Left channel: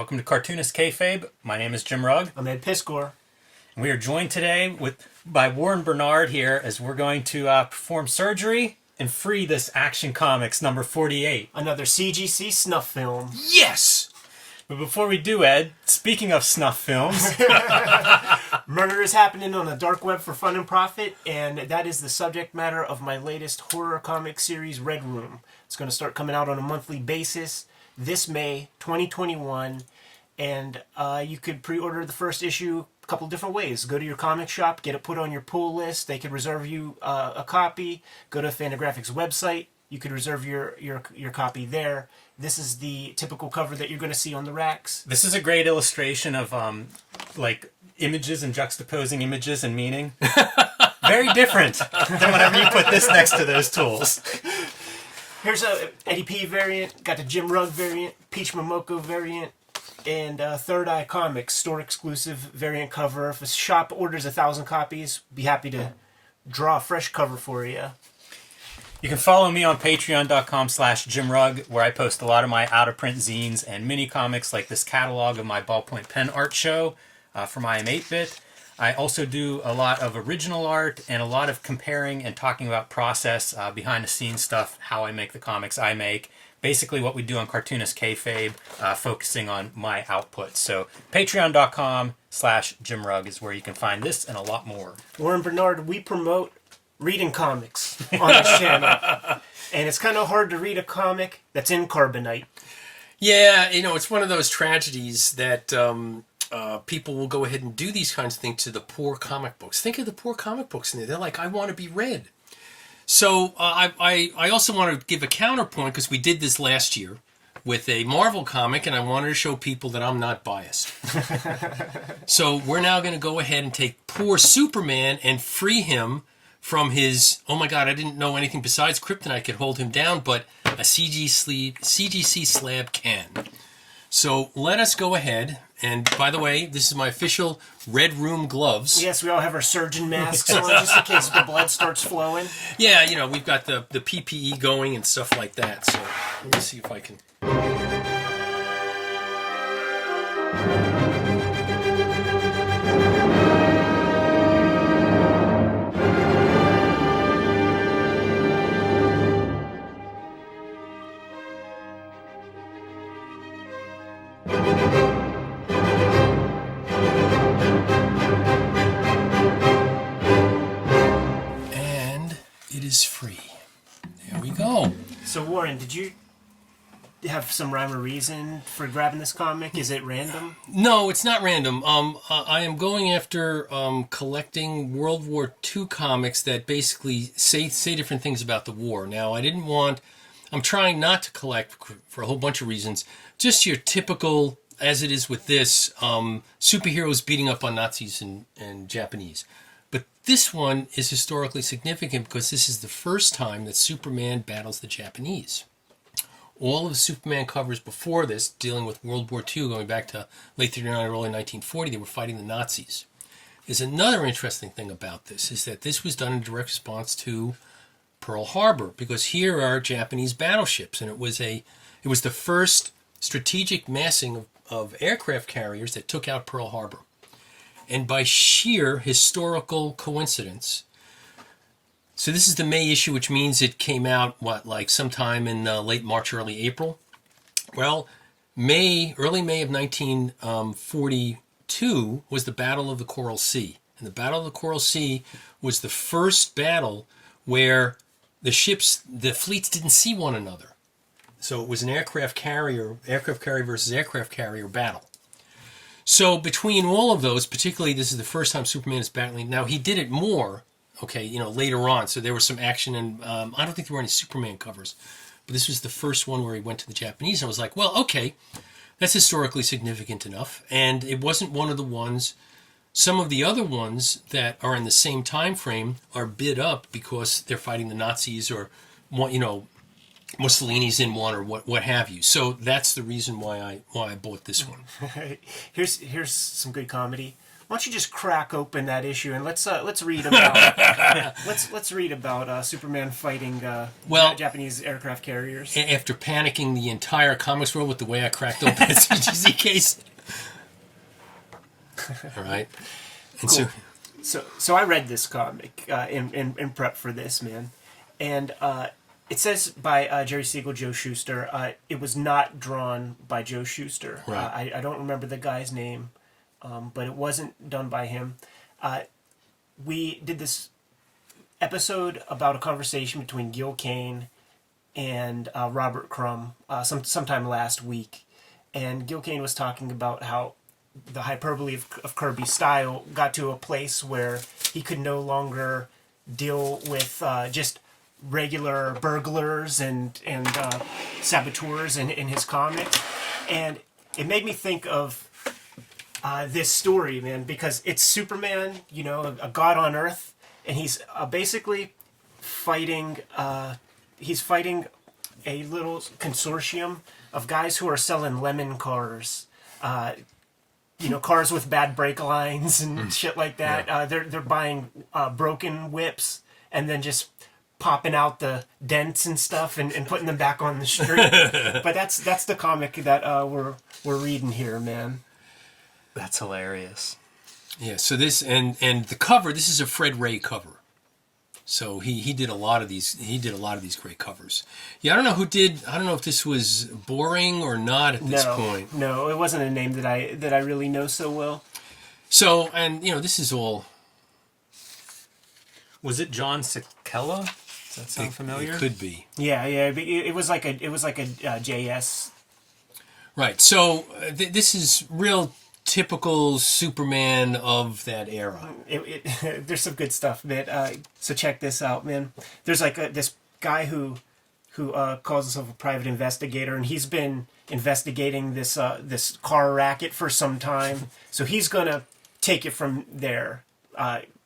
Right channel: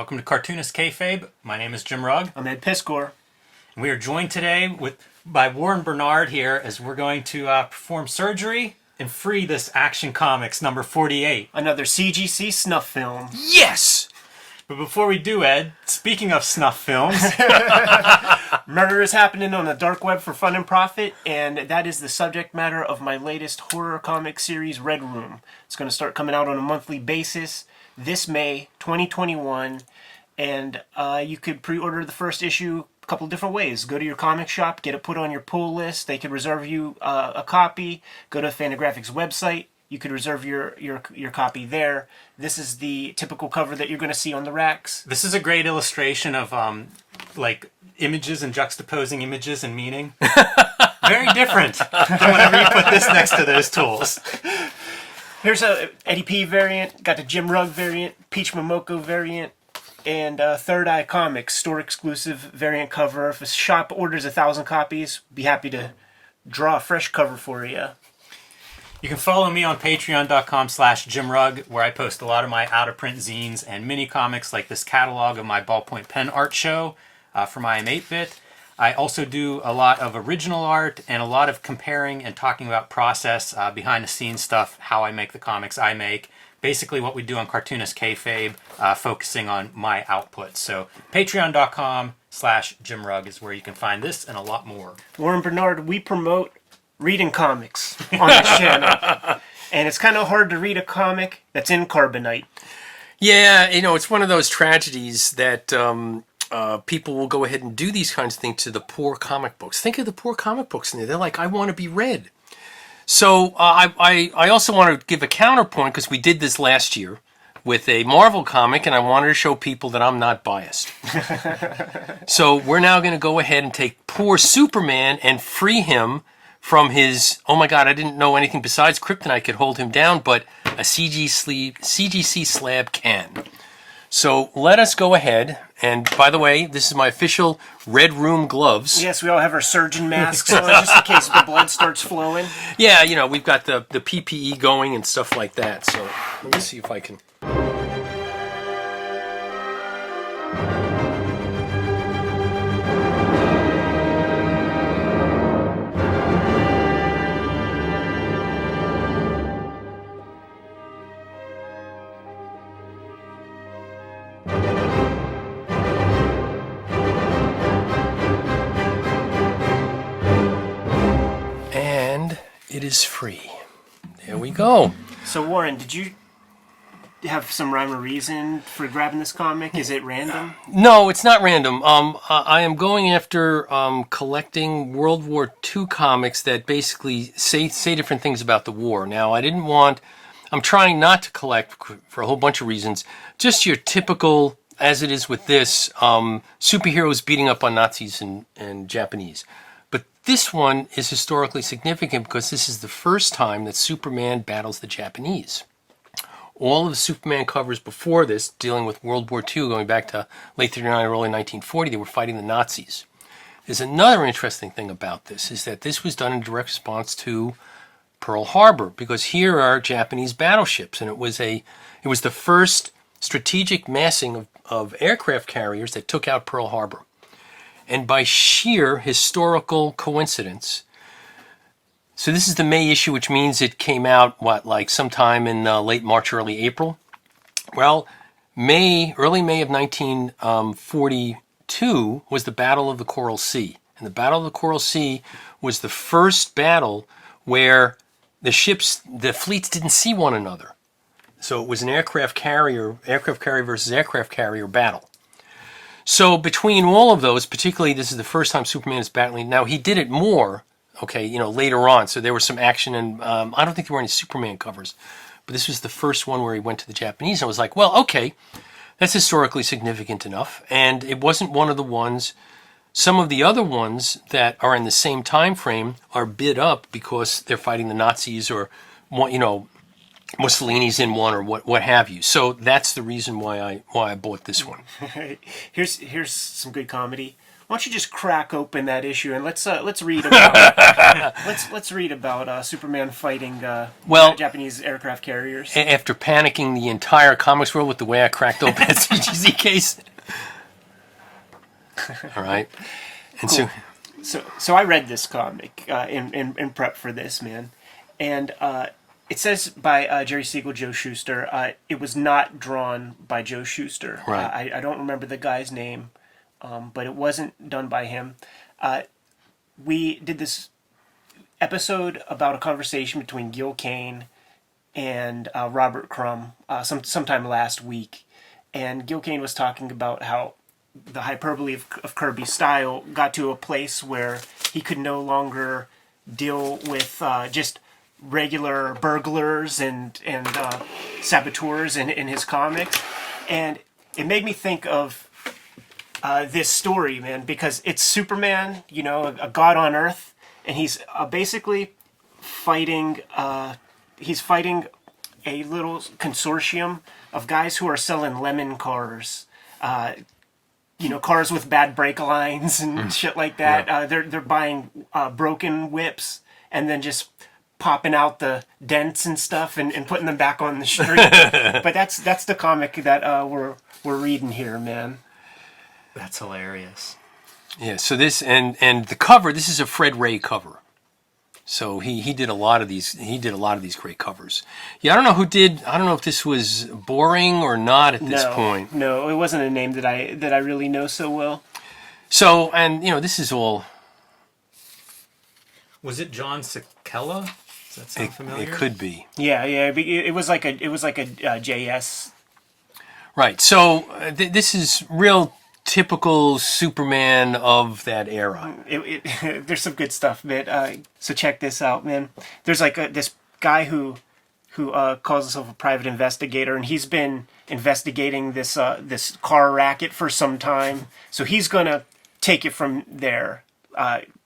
Welcome to Cartoonist Kayfabe. My name is Jim Rugg. I'm Ed Piscor. And we are joined today by Warren Bernard here as we're going to perform surgery and free this Action Comics number 48. Another CGC Snuff film. Yes! But before we do, Ed, speaking of snuff films... Murder is happening on the dark web for fun and profit, and that is the subject matter of my latest horror comic series, Red Room. It's going to start coming out on a monthly basis this May 2021, and you could pre-order the first issue a couple different ways. Go to your comic shop, get it put on your pull list. They could reserve you a copy. Go to Fantagraphics' website. You could reserve your copy there. This is the typical cover that you're going to see on the racks. This is a great illustration of like images and juxtaposing images and meaning. Very different than whenever you put this next to those tools. Here's a Eddie P variant, got the Jim Rugg variant, Peach Momoko variant, and Third Eye Comics store exclusive variant cover. If a shop orders 1,000 copies, be happy to draw a fresh cover for you. You can follow me on patreon.com/JimRugg, where I post a lot of my out-of-print zines and mini comics like this catalog of my ballpoint pen art show from I Am 8-Bit. I also do a lot of original art and a lot of comparing and talking about process, behind-the-scenes stuff, how I make the comics I make. Basically what we do on Cartoonist Kayfabe, focusing on my output. So patreon.com/JimRugg is where you can find this and a lot more. Warren Bernard, we promote reading comics on this channel. And it's kind of hard to read a comic that's in carbonite. Yeah, you know, it's one of those tragedies that people will go ahead and do these kinds of things to the poor comic books. Think of the poor comic books in there. They're like, I want to be read. So I also want to give a counterpoint, because we did this last year with a Marvel comic, and I wanted to show people that I'm not biased. So we're now going to go ahead and take poor Superman and free him from his, oh my God, I didn't know anything besides kryptonite could hold him down, but a CGC slab can. So let us go ahead, and by the way, this is my official Red Room gloves. Yes, we all have our surgeon masks on just in case the blood starts flowing. Yeah, you know, we've got the PPE going and stuff like that, so let me see if I can... And it is free. There we go. So Warren, did you have some rhyme or reason for grabbing this comic? Is it random? No, it's not random. I am going after collecting World War II comics that basically say different things about the war. Now, I'm trying not to collect, for a whole bunch of reasons, just your typical, as it is with this, superheroes beating up on Nazis and Japanese. But this one is historically significant because this is the first time that Superman battles the Japanese. All of the Superman covers before this, dealing with World War II, going back to late 1939, early 1940, they were fighting the Nazis. There's another interesting thing about this, is that this was done in direct response to Pearl Harbor, because here are Japanese battleships, and it was the first strategic massing of aircraft carriers that took out Pearl Harbor. And by sheer historical coincidence, so this is the May issue, which means it came out, like sometime in late March, early April? Well, early May of 1942 was the Battle of the Coral Sea. And the Battle of the Coral Sea was the first battle where the fleets didn't see one another. So it was an aircraft carrier versus aircraft carrier battle. So between all of those, particularly this is the first time Superman is battling. Now, he did it more, okay, you know, later on. So there was some action, and I don't think there were any Superman covers. But this was the first one where he went to the Japanese. I was like, well, okay, that's historically significant enough. And it wasn't one of the ones. Some of the other ones that are in the same time frame are bid up because they're fighting the Nazis, or, you know, Mussolini's in one, or what have you. So that's the reason why I bought this one. Here's some good comedy. Why don't you just crack open that issue and let's read about let's read about Superman fighting Japanese aircraft carriers. After panicking the entire comics world with the way I cracked open that CGC case. All right. And cool. So I read this comic in prep for this, man, and it says by Jerry Siegel, Joe Shuster. It was not drawn by Joe Shuster. Right. I don't remember the guy's name, but it wasn't done by him. We did this episode about a conversation between Gil Kane and Robert Crumb sometime last week, and Gil Kane was talking about how the hyperbole of Kirby's style got to a place where he could no longer deal with just regular burglars and saboteurs in his comics. And it made me think of this story, man, because it's Superman, you know, a god on Earth, and he's basically fighting he's fighting a little consortium of guys who are selling lemon cars. You know, cars with bad brake lines and shit like that. Yeah. They're buying broken whips and then just popping out the dents and stuff and putting them back on the street. But that's the comic that we're reading here, man. That's hilarious. Yeah. So this and the cover. This is a Fred Ray cover. So he did a lot of these. He did a lot of these great covers. Yeah, I don't know who did. I don't know if this was boring or not at this point. No, it wasn't a name that I really know so well. So, and you know, this is all. Was it John Sikela? Does that sound familiar? It could be. Yeah. It was like a JS. Right. So this is real. Typical Superman of that era. There's some good stuff, man. So check this out, man. There's like this guy who calls himself a private investigator, and he's been investigating this car racket for some time. So he's gonna take it from there.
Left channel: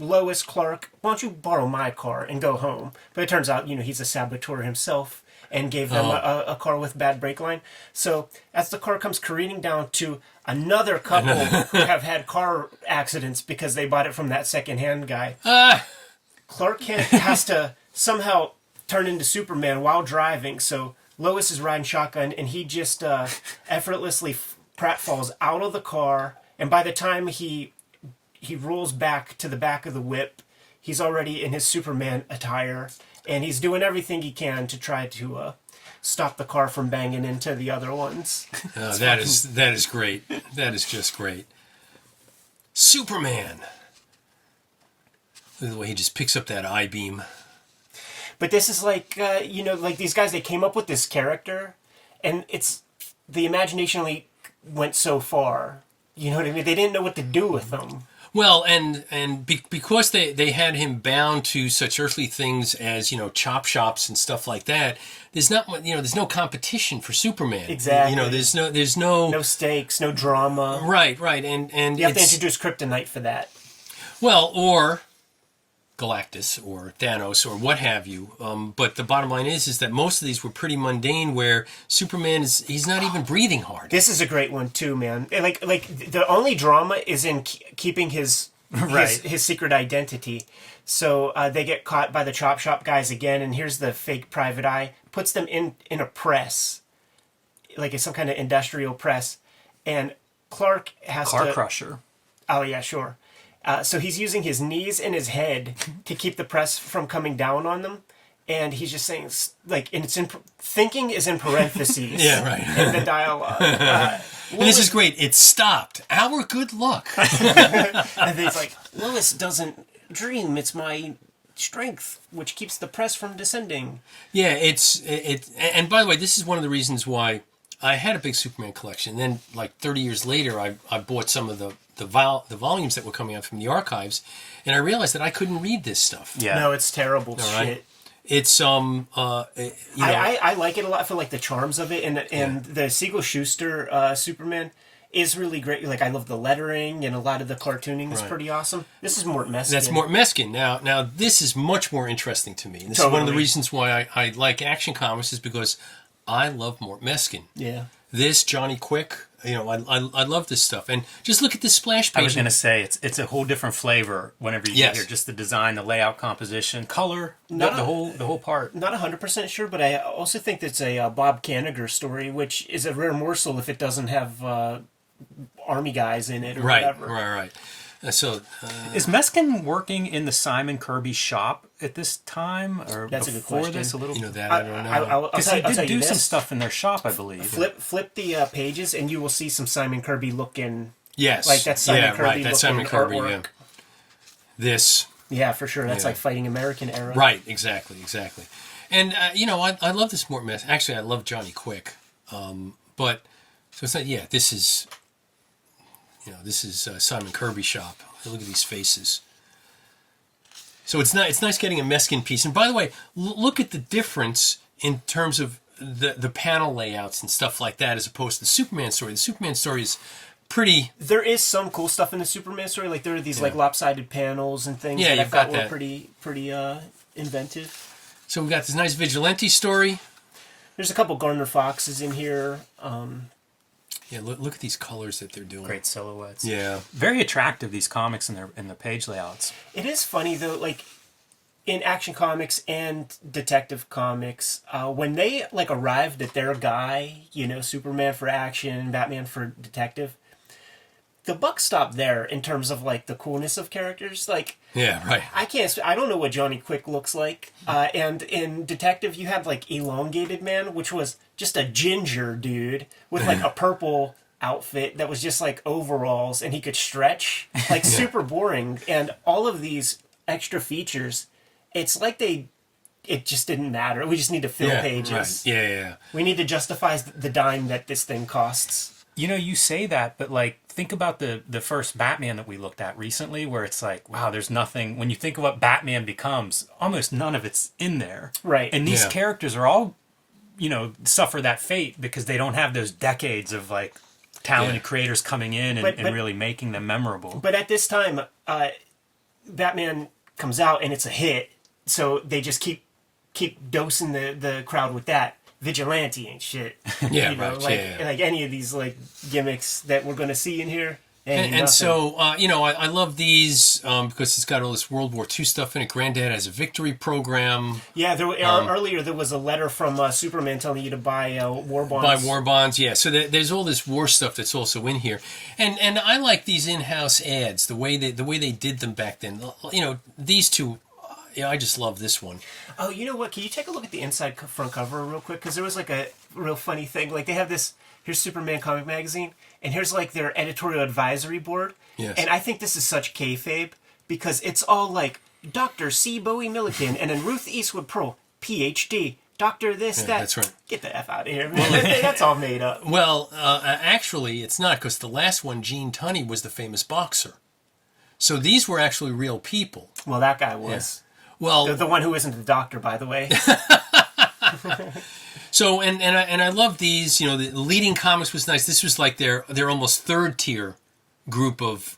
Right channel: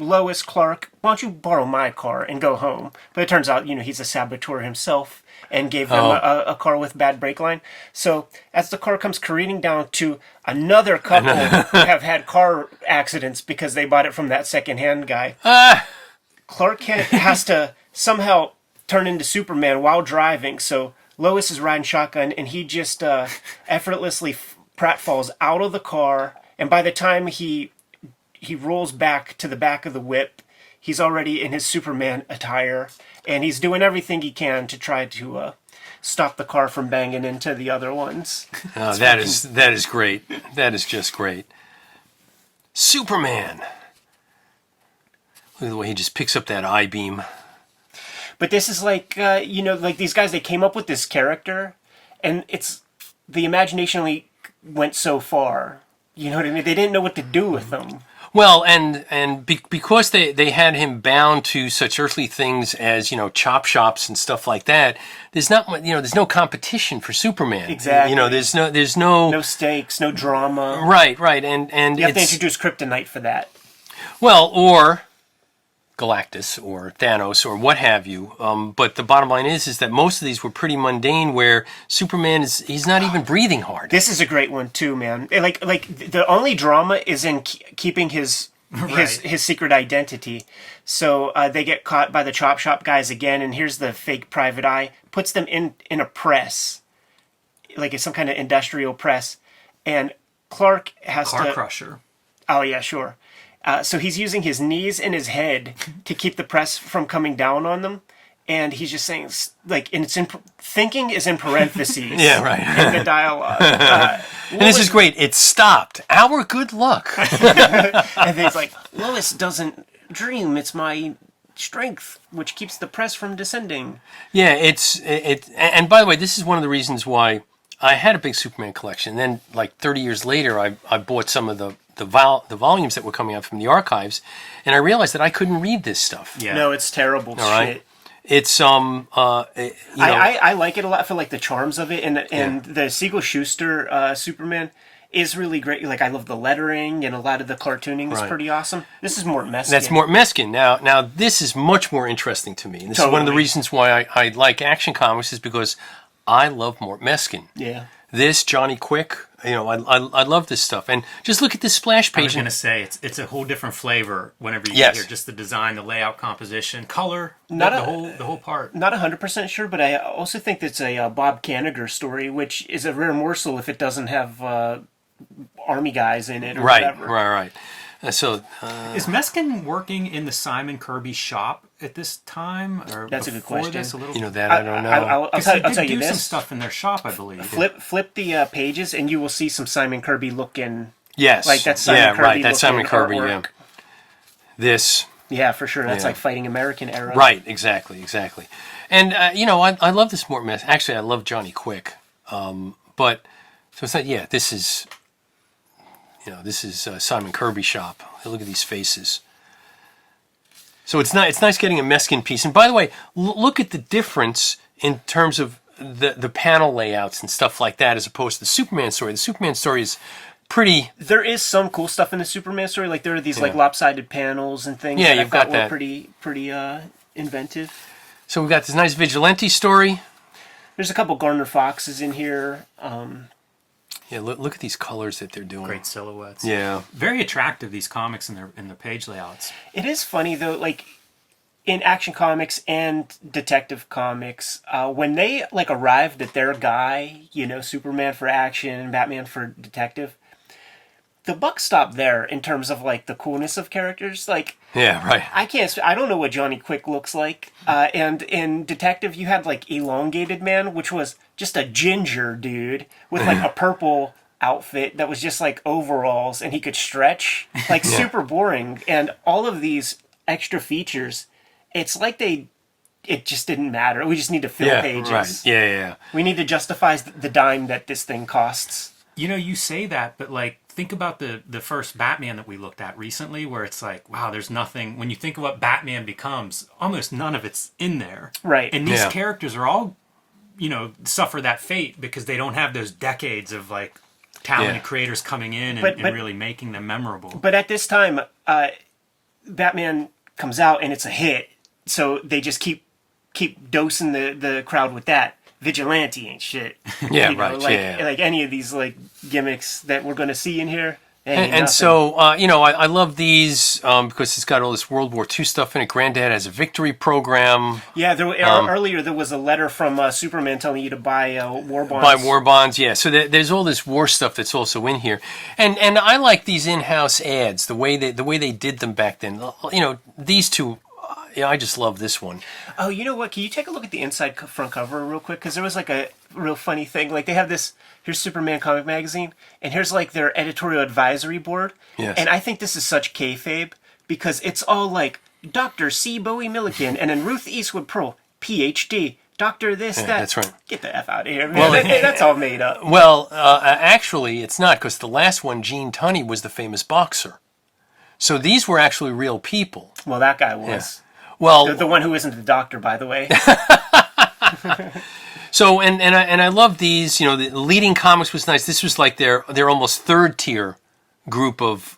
Lois, Clark, why don't you borrow my car and go home? But it turns out, you know, he's a saboteur himself and gave them a car with bad brake line. So as the car comes careening down to another couple who have had car accidents because they bought it from that secondhand guy, Clark Kent has to somehow turn into Superman while driving. So Lois is riding shotgun, and he just effortlessly pratfalls out of the car. And by the time he rolls back to the back of the whip, he's already in his Superman attire, and he's doing everything he can to try to stop the car from banging into the other ones. Oh, that is great. That is just great. Superman. Look at the way he just picks up that I-beam. But this is like, you know, like these guys, they came up with this character, and it's the imagination only went so far. You know what I mean? They didn't know what to do with them. Well, because they had him bound to such earthly things as, you know, chop shops and stuff like that, there's no competition for Superman. Exactly. You know, there's no stakes, no drama. Right, and you have to introduce Kryptonite for that. Well, or Galactus or Thanos or what have you. But the bottom line is that most of these were pretty mundane, where Superman he's not even breathing hard. This is a great one too, man. Like the only drama is in keeping his secret identity. So they get caught by the chop shop guys again, and here's the fake private eye, puts them in a press, like it's some kind of industrial press, and Clark has car crusher. Oh yeah, sure. So he's using his knees and his head to keep the press from coming down on them. And he's just saying, like, and thinking is in parentheses. Yeah, right. In the dialogue. And this is great. It stopped. Our good luck. And he's like, Lois doesn't dream. It's my strength, which keeps the press from descending. Yeah, and by the way, this is one of the reasons why I had a big Superman collection. Then, like 30 years later, I bought some of the volumes that were coming out from the archives, and I realized that I couldn't read this stuff. Yeah. No, it's terrible shit. Right? It's I like it a lot for like the charms of it, and the Siegel Shuster Superman is really great. Like I love the lettering, and a lot of the cartooning is pretty awesome. This is Mort Meskin. That's Mort Meskin. Now this is much more interesting to me. And this is one of the reasons why I like Action Comics, is because I love Mort Meskin. Yeah. This Johnny Quick, I love this stuff. And just look at this splash page. I was going to say, it's a whole different flavor whenever you get here. Just the design, the layout, composition, color, the whole part. Not 100% sure, but I also think that's a Bob Kanigher story, which is a rare morsel if it doesn't have army guys in it or whatever. Right. So is Meskin working in the Simon Kirby shop at this time, or that's a good before question. this? A little. That I don't know. Because he did do some stuff in their shop, I believe. Flip the pages, and you will see some Simon Kirby looking. Yes, like that Simon Kirby. Right. That's Simon Kirby. Artwork. Yeah. This. Yeah, for sure. That's like Fighting American era. Right. Exactly. And I love this more mess. Actually, I love Johnny Quick. But so it's not. Yeah, this is. This is Simon Kirby shop. Look at these faces. So it's nice getting a Meskin piece. And by the way, look at the difference in terms of the panel layouts and stuff like that, as opposed to the Superman story. The Superman story is pretty. There is some cool stuff in the Superman story. Like there are these like lopsided panels and things that I thought were pretty inventive. So we've got this nice vigilante story. There's a couple Gardner Foxes in here. Yeah, look at these colors that they're doing. Great silhouettes. Yeah, very attractive, these comics in their page layouts. It is funny though, like in Action Comics and Detective Comics, when they like arrived at their guy, Superman for action, Batman for detective, the buck stopped there in terms of like the coolness of characters. Like, yeah, right. I don't know what Johnny Quick looks like. And in Detective, you had like Elongated Man, which was just a ginger dude with like a purple outfit that was just like overalls, and he could stretch. Like super boring. And all of these extra features, it's like it just didn't matter. We just need to fill pages. Right. Yeah. We need to justify the dime that this thing costs. You say that, but like, think about the first Batman that we looked at recently, where it's like, wow, there's nothing. When you think of what Batman becomes, almost none of it's in there. Right. And these characters are all, suffer that fate because they don't have those decades of like talented creators coming in and really making them memorable. But at this time, Batman comes out and it's a hit, so they just keep dosing the crowd with that. Vigilante ain't shit. Yeah, like any of these like gimmicks that we're going to see in here. And so, I love these because it's got all this World War II stuff in it. Granddad has a victory program. Yeah, earlier there was a letter from Superman telling you to buy war bonds. Buy war bonds, yeah. So there's all this war stuff that's also in here. And I like these in-house ads, the way they did them back then. These two, I just love this one. Oh, you know what? Can you take a look at the inside front cover real quick? Because there was like a real funny thing. Like they have this. Here's Superman Comic Magazine, and here's like their editorial advisory board. Yes. And I think this is such kayfabe because it's all like Dr. C. Bowie Milliken and then Ruth Eastwood Pearl, PhD, Doctor this, that. That's right. Get the F out of here, man. That's all made up. Well, actually, it's not, because the last one, Gene Tunney, was the famous boxer. So these were actually real people. Well, that guy was. Yeah. Well, the one who isn't the doctor, by the way. So and I love these. The leading comics was nice. This was like their almost third tier group of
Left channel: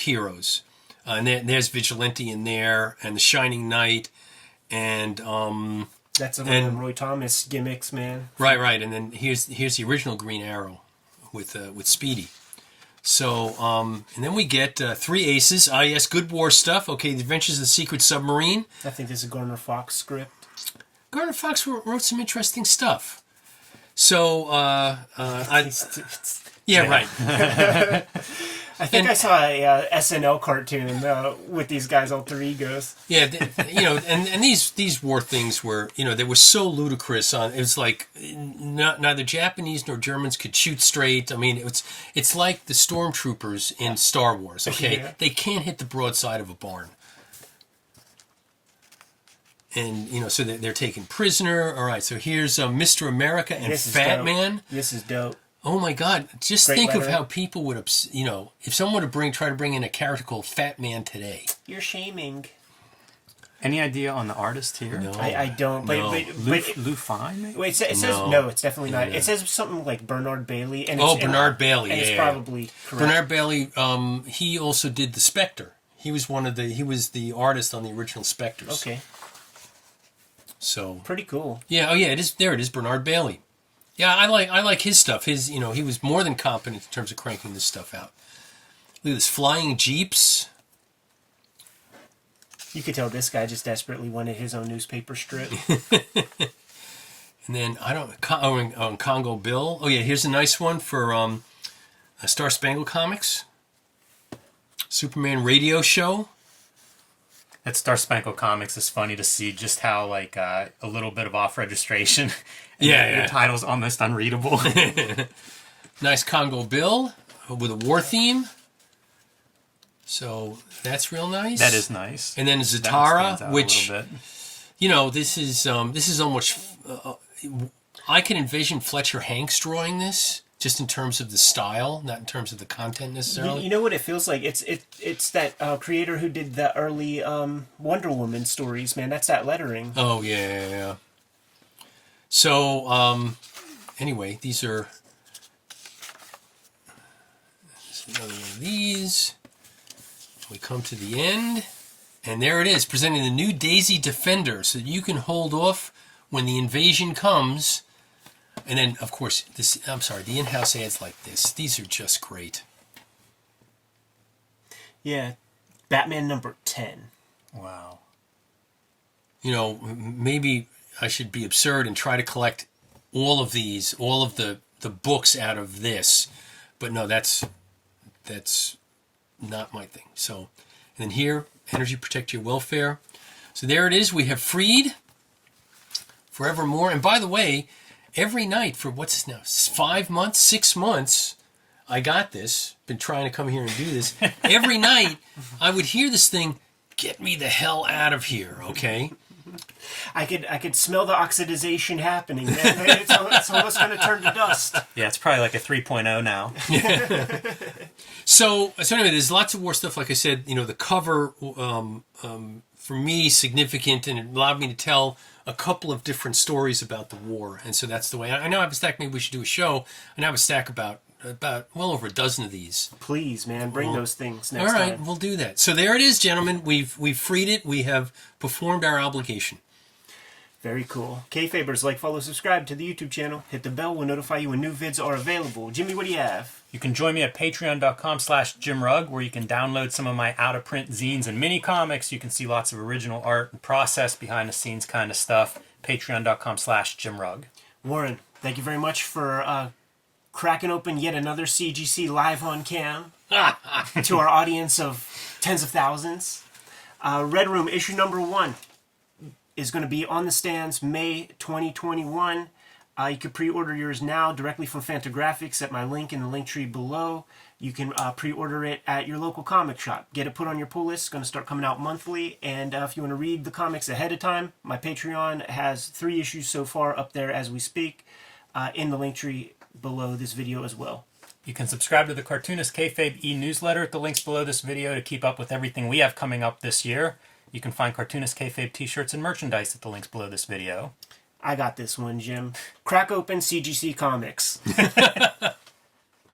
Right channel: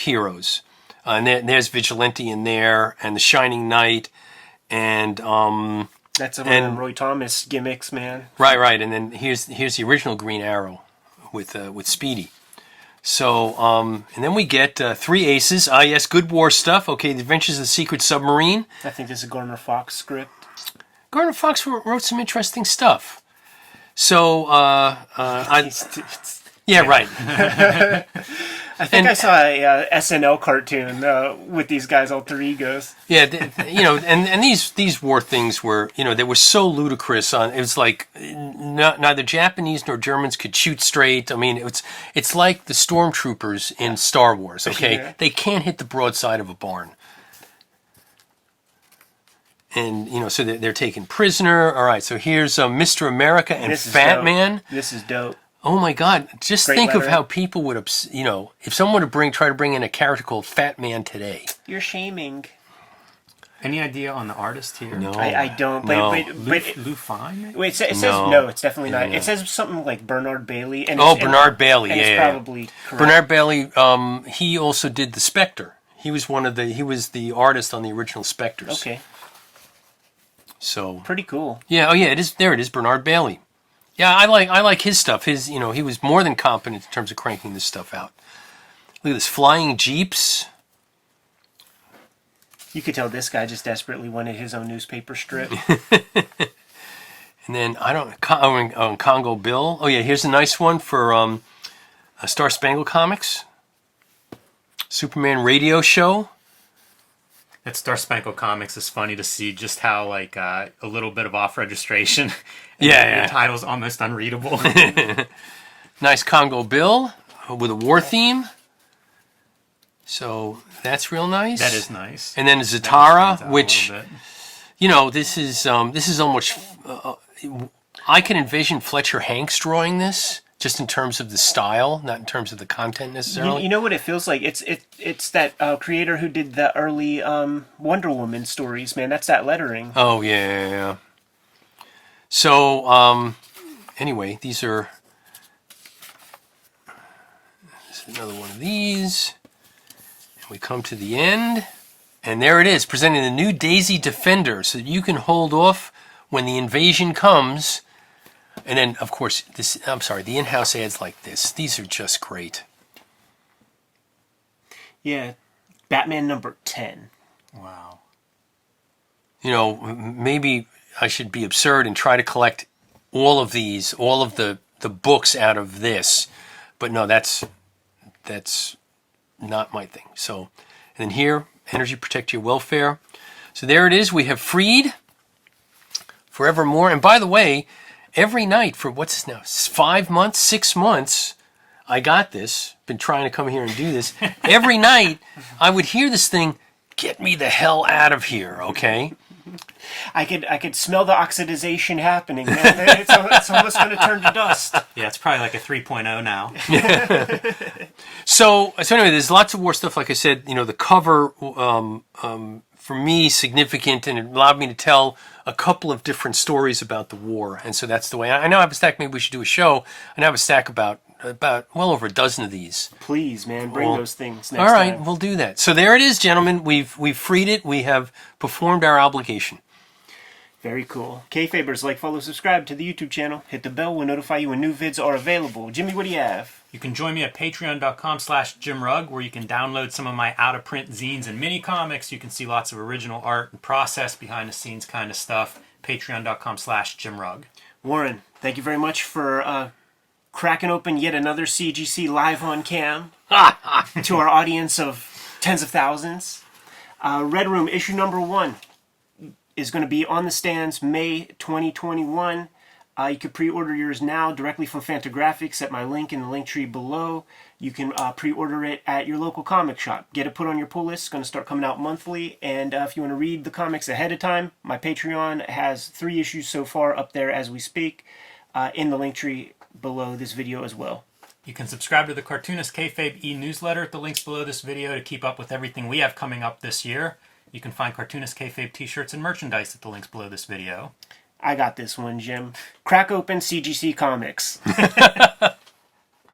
heroes. And there's Vigilante in there, and the Shining Knight, and that's one of them Roy Thomas gimmicks, man. Right. And then here's the original Green Arrow with Speedy. So and then we get three aces. Yes, good war stuff. Okay, The Adventures of the Secret Submarine. I think this is a Gardner Fox script. Gardner Fox wrote some interesting stuff. So, right. I think I saw a SNL cartoon with these guys' alter egos. Yeah, and these war things were, they were so ludicrous. It was like neither Japanese nor Germans could shoot straight. I mean, it's like the stormtroopers in Star Wars. Okay, Yeah. They can't hit the broadside of a barn. And, so they're taken prisoner. All right, so here's Mr. America and Fat Man. This is dope. Oh, my God. Just Great think lettering. of how people would, if someone would try to bring in a character called Fat Man today. You're shaming. Any idea on the artist here? No. I don't. No. Lou Fine? Maybe? Wait, it says no. It's definitely not. It says something like Bernard Bailey. And Bernard Bailey. And yeah, it's probably correct. Bernard Bailey. He also did the Spectre. He was the artist on the original Spectres. Okay. So pretty cool. Yeah. Oh, yeah. It is. There it is. Bernard Bailey. Yeah, I like his stuff. He was more than competent in terms of cranking this stuff out. Look at this, flying jeeps. You could tell this guy just desperately wanted his own newspaper strip. And then, Congo Bill. Oh, yeah, here's a nice one for Star Spangled Comics. Superman radio show. At Star Spangled Comics, it's funny to see just how, like, a little bit of off-registration. Your title's almost unreadable. Nice Congo Bill with a war theme. So that's real nice. That is nice. And then Zatara, which, this is almost... I can envision Fletcher Hanks drawing this, just in terms of the style, not in terms of the content necessarily. You know what it feels like? It's that creator who did the early Wonder Woman stories, man. That's that lettering. Oh, yeah. So, anyway, this is another one of these. We come to the end, and there it is, presenting the new Daisy Defender, so that you can hold off when the invasion comes. And then, of course, the in-house ads like this. These are just great. Yeah, Batman number 10. Wow. Maybe I should be absurd and try to collect all of these, all of the books out of this. But no, that's not my thing. So, and then here, Energy Protect Your Welfare. So there it is. We have freed forevermore. And by the way, every night for 5 months, 6 months, I got this. Been trying to come here and do this. Every night, I would hear this thing, get me the hell out of here, okay? I could smell the oxidization happening, man. It's almost going to turn to dust. Yeah, it's probably like a 3.0 now. So anyway, there's lots of war stuff. Like I said, the cover, for me, significant, and it allowed me to tell a couple of different stories about the war. And so that's the way. I now have a stack. Maybe we should do a show. I now have a stack about well over a dozen of these. Please, man, bring those things next time. All right, time. we'll do that. So there it is, gentlemen. We've freed it. We have performed our obligation. Very cool. Kayfabers, like, follow, subscribe to the YouTube channel. Hit the bell. We'll notify you when new vids are available. Jimmy, what do you have? You can join me at patreon.com/JimRugg, where you can download some of my out-of-print zines and mini comics. You can see lots of original art and process, behind-the-scenes kind of stuff. Patreon.com/JimRugg. Warren, thank you very much for cracking open yet another CGC live on cam to our audience of tens of thousands. Red Room issue number 1 is going to be on the stands May 2021. You can pre-order yours now directly from Fantagraphics at my link in the link tree below. You can pre-order it at your local comic shop. Get it put on your pull list. It's going to start coming out monthly. And if you want to read the comics ahead of time, my Patreon has 3 issues so far up there as we speak in the link tree below this video as well. You can subscribe to the Cartoonist Kayfabe e-newsletter at the links below this video to keep up with everything we have coming up this year. You can find Cartoonist Kayfabe t-shirts and merchandise at the links below this video. I got this one, Jim. Crack open CGC Comics.